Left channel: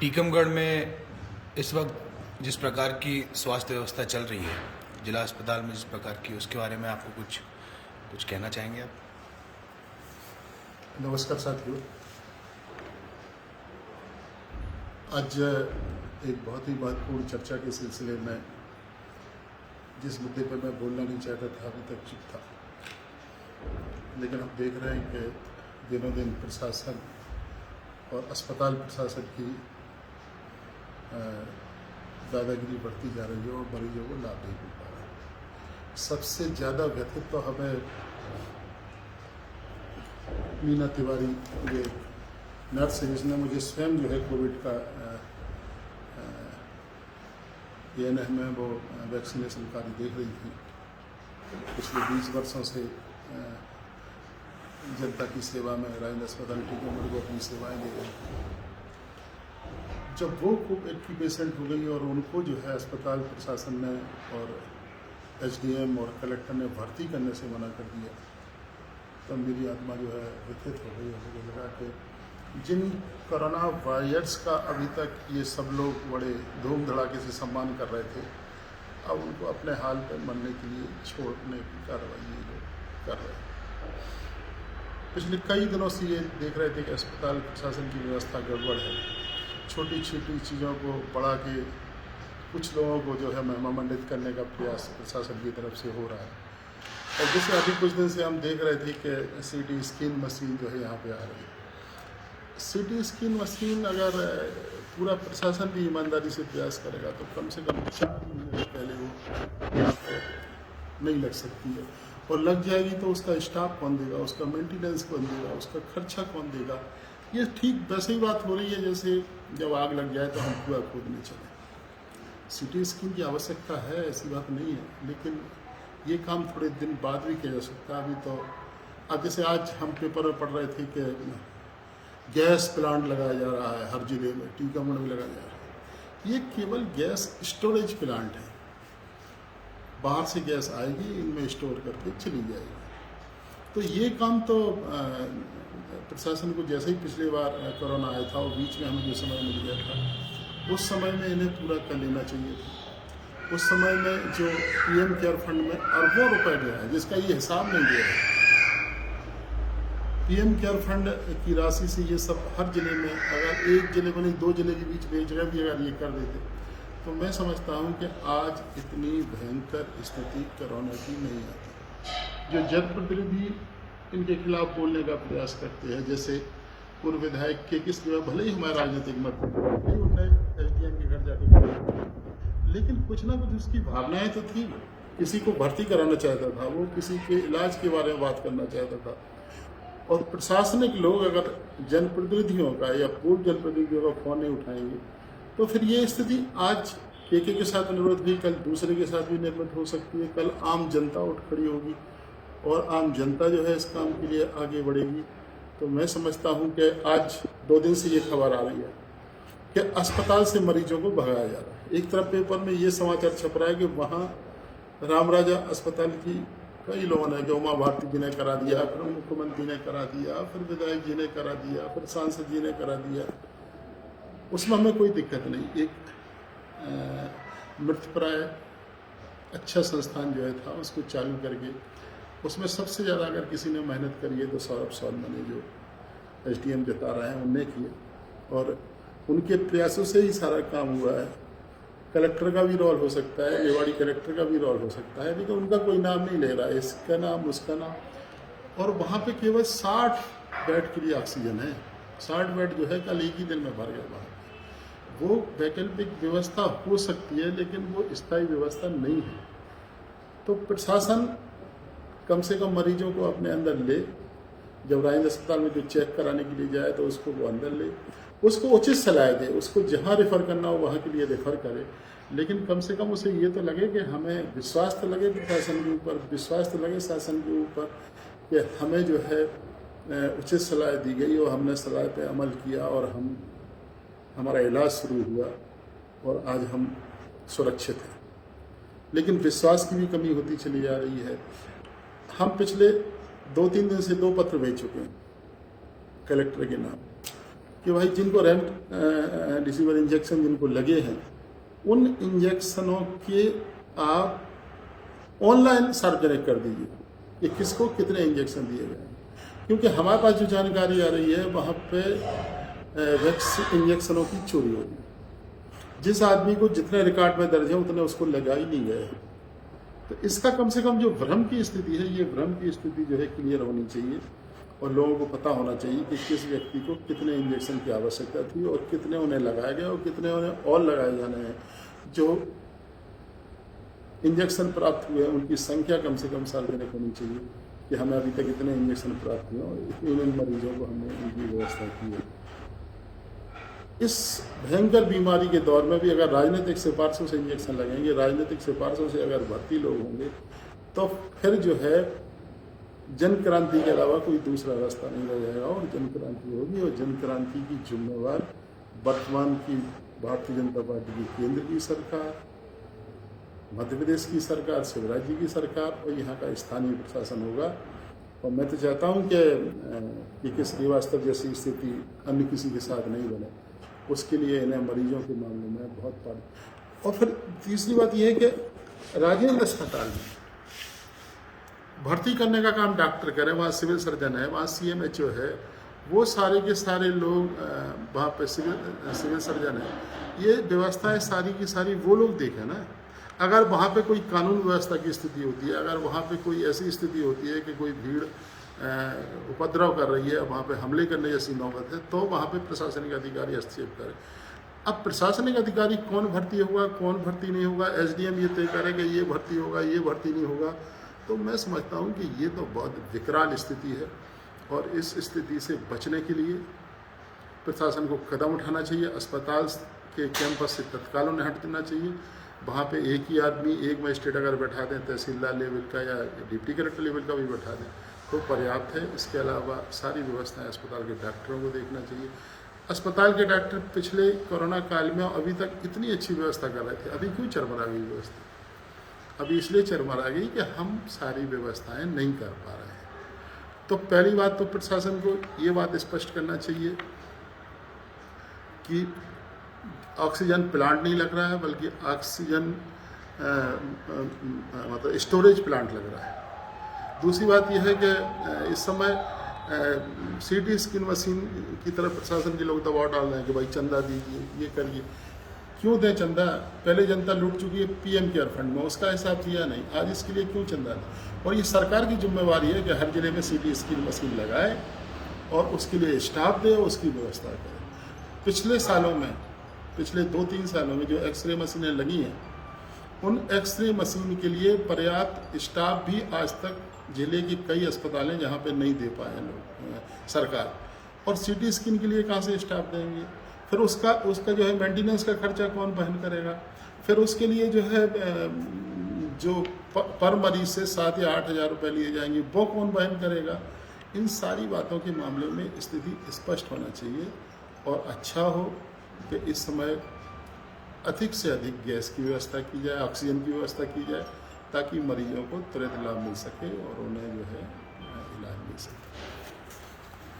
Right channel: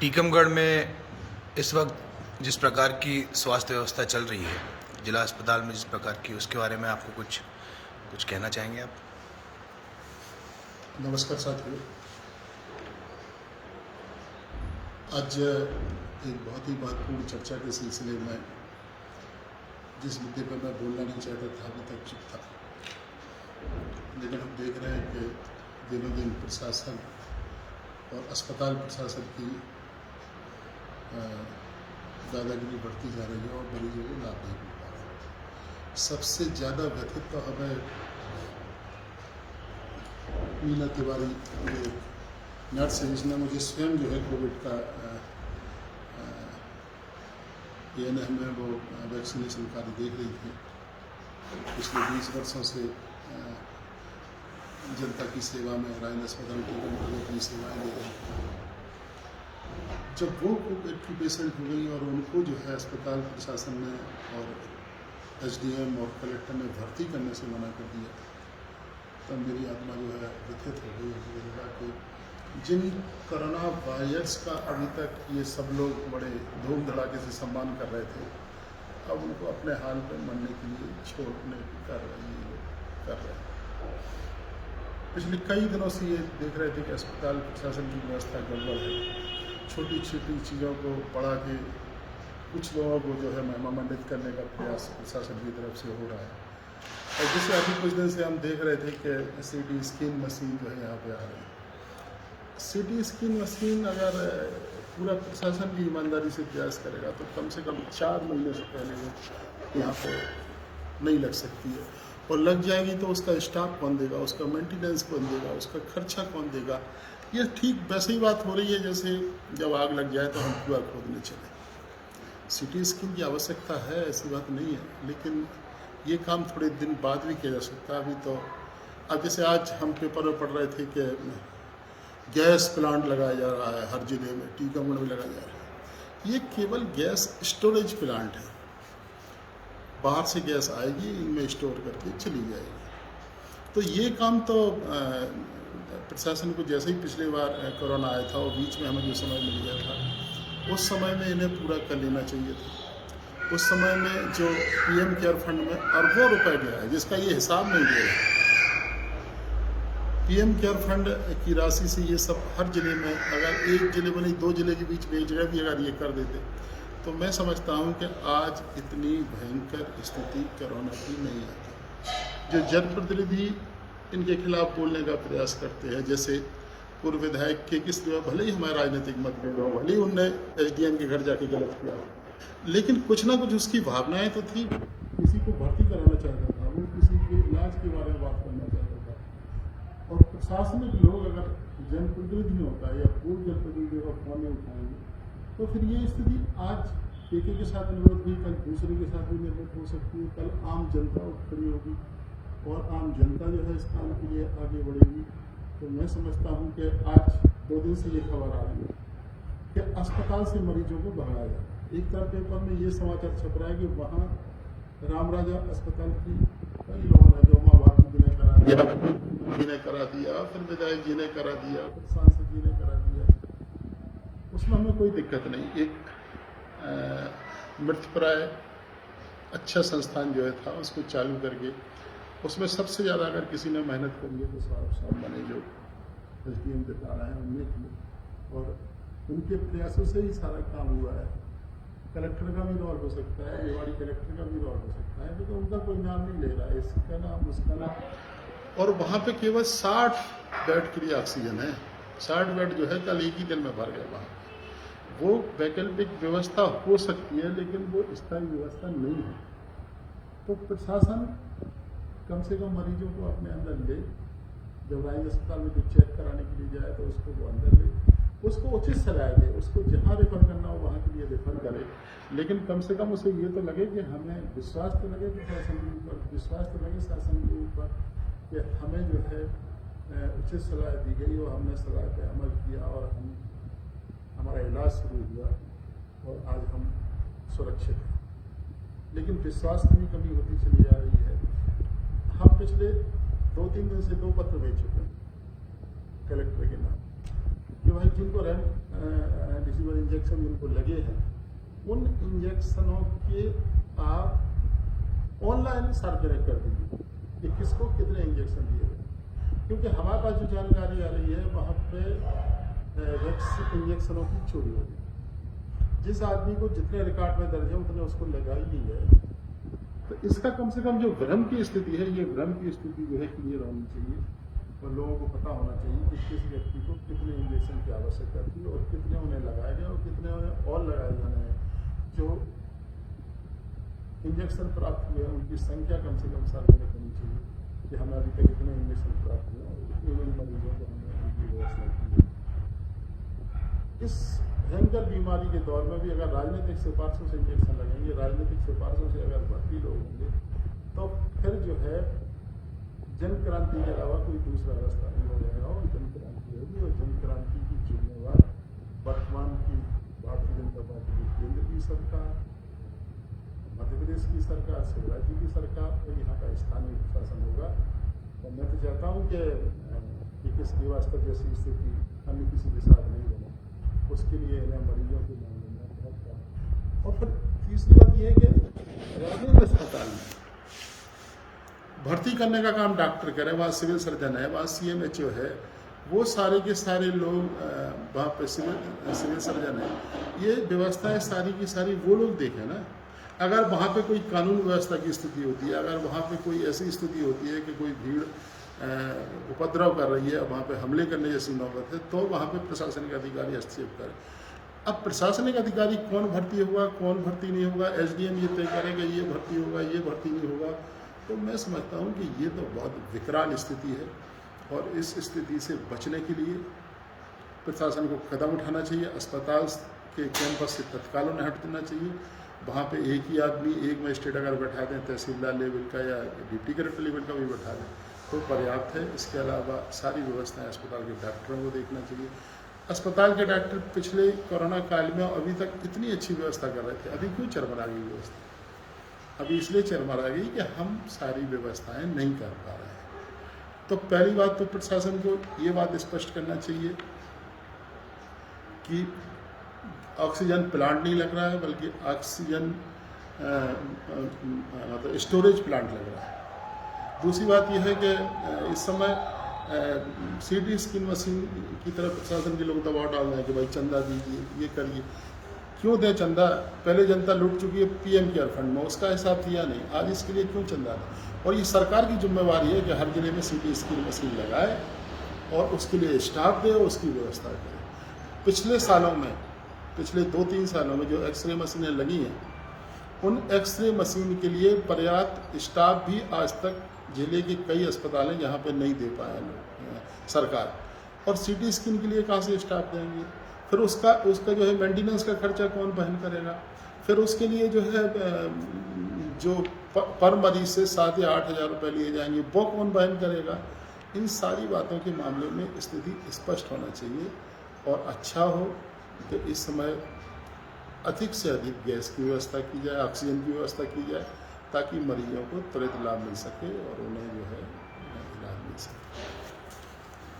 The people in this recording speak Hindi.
टीकमगढ़ में इस वक्त जिस प्रकार की स्वास्थ्य व्यवस्था चल रही है, जिला अस्पताल में जिस प्रकार की, उसके बारे में आपको कुछ कहना चाहेंगे आप? नमस्कार साथियों, आज एक बहुत ही महत्वपूर्ण चर्चा के सिलसिले में जिस मुद्दे पर मैं बोलना नहीं चाहता था, अभी तक चुप था, लेकिन हम देख रहे हैं कि दिनों दिन प्रशासन और अस्पताल प्रशासन की दादागिरी बढ़ती जा रही है और मरीजों को लाभ नहीं मिल पा रहा है। सबसे ज़्यादा व्यथित तो हमें मीना तिवारी, ये नर्स है, जिसने मुझे स्वयं जो है कोविड का ANM में वो वैक्सीनेशन कार्य देख रही थी। पिछले 20 वर्षों से जनता की सेवा में राजेंद्र अस्पताल टीकमगढ़ को अपनी सेवाएं दे रही थी। जब वो कोविड की पेशेंट हो गई और उनको जो है अस्पताल प्रशासन ने और SDM और कलेक्टर ने भर्ती करने से मना कर दिया, तब मेरी आत्मा जो है व्यथित हो गई। मुझे लगा कि जिन कोरोना वॉरियर्स का अभी तक ये सब लोग बड़े धूम धड़ाके से सम्मान कर रहे थे, अब उनको अपने हाल पे मरने के लिए छोड़ने की कार्रवाई ये लोग कर रहे हैं। पिछले कई दिनों से ये देख रहे थे कि अस्पताल प्रशासन की व्यवस्था गड़बड़ है। छोटी छोटी चीज़ों को बढ़ा के कुछ लोगों को जो है महिमामंडित करने का प्रयास प्रशासन की तरफ से हो रहा है। और जैसे अभी कुछ दिन से हम देख रहे थे कि CT स्कैन मशीन जो है यहाँ पे आ रही है। CT स्कैन मशीन अगर पूरा प्रशासन भी ईमानदारी से प्रयास करेगा तो कम से कम 4 महीने से पहले वो यहाँ पर नहीं लग सकती है, और लग जाएगी तो उसका स्टाफ कौन देगा, उसका मेंटेनेंस कौन देगा, उसका खर्चा कौन देगा। ये ठीक वैसे ही बात हो रही है जैसे जब आग लग जाए तो हम कुआं खोदने चले। CT स्कैन की आवश्यकता है, ऐसी बात नहीं है, लेकिन ये काम थोड़े दिन बाद भी किया जा सकता है। अभी तो अब जैसे आज हम पेपर में पढ़ रहे थे कि गैस प्लांट लगाया जा रहा है हर जिले में, टीकमगढ़ में लगाया जा रहा है। ये केवल गैस स्टोरेज प्लांट है, बाहर से गैस आएगी, इनमें स्टोर करके चली जाएगी। तो ये काम तो प्रशासन को जैसे ही पिछली बार कोरोना आया था और बीच में हमें जो समय मिल गया था, उस समय में इन्हें पूरा कर लेना चाहिए था। उस समय में जो PM केयर फंड में अरबों रुपए गया है, जिसका ये हिसाब नहीं दे रहे। PM केयर फंड की राशि से ये सब हर जिले में, अगर एक जिले में नहीं 2 जिले के बीच में एक जगह भी अगर ये कर देते, तो मैं समझता हूँ कि आज इतनी भयंकर स्थिति कोरोना की नहीं आती। जो जनप्रतिनिधि इनके खिलाफ बोलने का प्रयास करते हैं, जैसे पूर्व विधायक के किस जो भले ही हमारे राजनीतिक मतभेद हो, भले ही उनने SDM के घर जाके गलत किया, लेकिन कुछ ना कुछ उसकी भावनाएं तो थी। किसी को भर्ती कराना चाहता था, वो किसी के इलाज के बारे में बात करना चाहता था। और प्रशासनिक लोग अगर जनप्रतिनिधियों का या पूर्व जनप्रतिनिधियों का फ़ोन नहीं उठाएंगे, तो फिर ये स्थिति आज के साथ निर्मित हुई, कल दूसरे के साथ भी निर्मित हो सकती है। कल आम जनता उठ खड़ी होगी और आम जनता जो है इस काम के लिए आगे बढ़ेगी। तो मैं समझता हूँ कि आज 2 दिन से ये खबर आ रही है कि अस्पताल से मरीजों को भगाया जा रहा है। एक तरफ पेपर में ये समाचार छप रहा है कि वहाँ रामराजा अस्पताल की कई लोगों ने, कि उमा भारती जी ने करा दिया, फिर मुख्यमंत्री ने करा दिया, फिर विधायक जी ने करा दिया, फिर सांसद जी ने करा दिया। उसमें हमें कोई दिक्कत नहीं। एक मृतप्राय अच्छा संस्थान जो है था, उसको चालू करके उसमें सबसे ज़्यादा अगर किसी ने मेहनत करी है तो सौरभ सौरमा ने, जो SDM जता रहे हैं, उनने की है, और उनके प्रयासों से ही सारा काम हुआ है। कलेक्टर का भी रोल हो सकता है, रेवाड़ी कलेक्टर का भी रोल हो सकता है, लेकिन उनका कोई नाम नहीं ले रहा है, इसका नाम उसका नाम। और वहाँ पे केवल 60 बेड के लिए ऑक्सीजन है। 60 बेड जो है कल एक ही दिन में भर गए वहाँ। वो वैकल्पिक व्यवस्था हो सकती है, लेकिन वो स्थायी व्यवस्था नहीं है। तो प्रशासन कम से कम मरीजों को अपने अंदर ले। जब राजेंद्र अस्पताल में जो चेक कराने के लिए जाए तो उसको वो अंदर ले, उसको उचित सलाह दे, उसको जहाँ रेफ़र करना हो वहाँ के लिए रेफ़र करे। लेकिन कम से कम उसे ये तो लगे कि हमें विश्वास तो लगे प्रशासन के ऊपर, विश्वास तो लगे शासन के ऊपर कि हमें जो है उचित सलाह दी गई और हमने सलाह पे अमल किया और हमारा इलाज शुरू हुआ और आज हम सुरक्षित हैं। लेकिन विश्वास की भी कमी होती चली जा रही है। हम पिछले 2-3 दिन से 2 पत्र भेज चुके हैं कलेक्टर के नाम। कि भाई जिनको रेमडेसिविर इंजेक्शन जिनको लगे हैं उन इंजेक्शनों के आप ऑनलाइन सार्वजनिक कर दीजिए कि किसको कितने इंजेक्शन दिए गए, क्योंकि हमारे पास जो जानकारी आ रही है वहाँ पे वैक्सीन इंजेक्शनों की चोरी होगी। जिस आदमी को जितने रिकॉर्ड में दर्ज है उतने उसको लगा ही नहीं गए। तो इसका कम से कम जो भ्रम की स्थिति है, ये भ्रम की स्थिति जो है क्लियर होनी चाहिए और लोगों को पता होना चाहिए कि किस व्यक्ति को कितने इंजेक्शन की आवश्यकता थी और कितने उन्हें लगाए गए और कितने उन्हें और लगाए जाने हैं। जो इंजेक्शन प्राप्त हुए हैं उनकी संख्या कम से कम सार्वजनिक होनी चाहिए कि हमें अभी तक इतने इंजेक्शन प्राप्त हुए और इन मरीजों को हमने इनकी व्यवस्था की है। इस भयंकर बीमारी के दौर में भी अगर राजनीतिक सिफारिशों से इंजेक्शन लगेंगे, राजनीतिक सिफारिशों से अगर भर्ती लोग होंगे, तो फिर जो है जन क्रांति के अलावा कोई दूसरा रास्ता नहीं रह जाएगा और जन क्रांति होगी। और जन क्रांति की जिम्मेवार वर्तमान की भारतीय जनता पार्टी की केंद्र की सरकार, मध्य प्रदेश की सरकार, शिवराज जी की सरकार और यहाँ का स्थानीय प्रशासन होगा। और मैं तो चाहता हूँ कि के श्रीवास्तव जैसी स्थिति अन्य किसी के साथ नहीं बने, उसके लिए इन्हें मरीजों के मामले में बहुत पानी। और फिर तीसरी बात यह है कि राजेंद्र अस्पताल में भर्ती करने का काम डॉक्टर करें, वहाँ सिविल सर्जन है, वहाँ CMHO है, वो सारे के सारे लोग वहाँ पे सिविल सर्जन है, ये व्यवस्थाएं सारी की सारी वो लोग देखें ना। अगर वहाँ पे कोई कानून व्यवस्था की स्थिति होती है, अगर वहाँ पे कोई ऐसी स्थिति होती है कि कोई भीड़ उपद्रव कर रही है, वहाँ पे हमले करने जैसी नौबत है, तो वहाँ पे प्रशासनिक अधिकारी हस्तक्षेप करें। अब प्रशासनिक अधिकारी कौन भर्ती होगा, कौन भर्ती नहीं होगा, SDM ये तय करेगा ये भर्ती होगा, ये भर्ती नहीं होगा, तो मैं समझता हूँ कि ये तो बहुत विकराल स्थिति है। और इस स्थिति से बचने के लिए प्रशासन को कदम उठाना चाहिए। अस्पताल के कैंपस से तत्काल उन्हें हटना चाहिए। वहाँ पे एक ही आदमी, एक मजिस्ट्रेट अगर बैठा दें, तहसीलदार लेवल का या डिप्टी कलेक्टर लेवल का भी बैठा दें तो पर्याप्त है। इसके अलावा सारी व्यवस्थाएं अस्पताल के डॉक्टरों को देखना चाहिए। अस्पताल के डॉक्टर पिछले कोरोना काल में अभी तक इतनी अच्छी व्यवस्था कर रहे थे, अभी क्यों चरमरा गई व्यवस्था? अभी इसलिए चरमरा गई कि हम सारी व्यवस्थाएं नहीं कर पा रहे हैं। तो पहली बात तो प्रशासन को ये बात स्पष्ट करना चाहिए कि ऑक्सीजन प्लांट नहीं लग रहा है, बल्कि ऑक्सीजन मतलब स्टोरेज प्लांट लग रहा है। दूसरी बात यह है कि इस समय CT स्कैन मशीन की तरफ प्रशासन के लोग दबाव डाल रहे हैं कि भाई चंदा दीजिए, ये करिए। क्यों दें चंदा? पहले जनता लूट चुकी है PM केयर फंड में, उसका हिसाब दिया नहीं, आज इसके लिए क्यों चंदा दें? और ये सरकार की जिम्मेवारी है कि हर जिले में CT स्कैन मशीन लगाए और उसके लिए स्टाफ दे और उसकी व्यवस्था करे। पिछले सालों में, पिछले 2-3 सालों में जो एक्सरे मशीनें लगी हैं, उन एक्सरे मशीन के लिए पर्याप्त स्टाफ भी आज तक जिले के कई अस्पताल हैं जहाँ पे नहीं दे पाए हैं लोग, सरकार। और CT स्कैन के लिए कहाँ से स्टाफ देंगे? फिर उसका जो है मेंटेनेंस का खर्चा कौन वहन करेगा? फिर उसके लिए जो है जो पर मरीज से 7 या 8 हज़ार रुपये लिए जाएंगे, वो कौन वहन करेगा? इन सारी बातों के मामले में स्थिति स्पष्ट होना चाहिए और अच्छा हो कि इस समय अधिक से अधिक गैस की व्यवस्था की जाए, ऑक्सीजन की व्यवस्था की जाए, ताकि मरीजों को त्वरित लाभ मिल सके और उन्हें जो है इलाज मिल सके।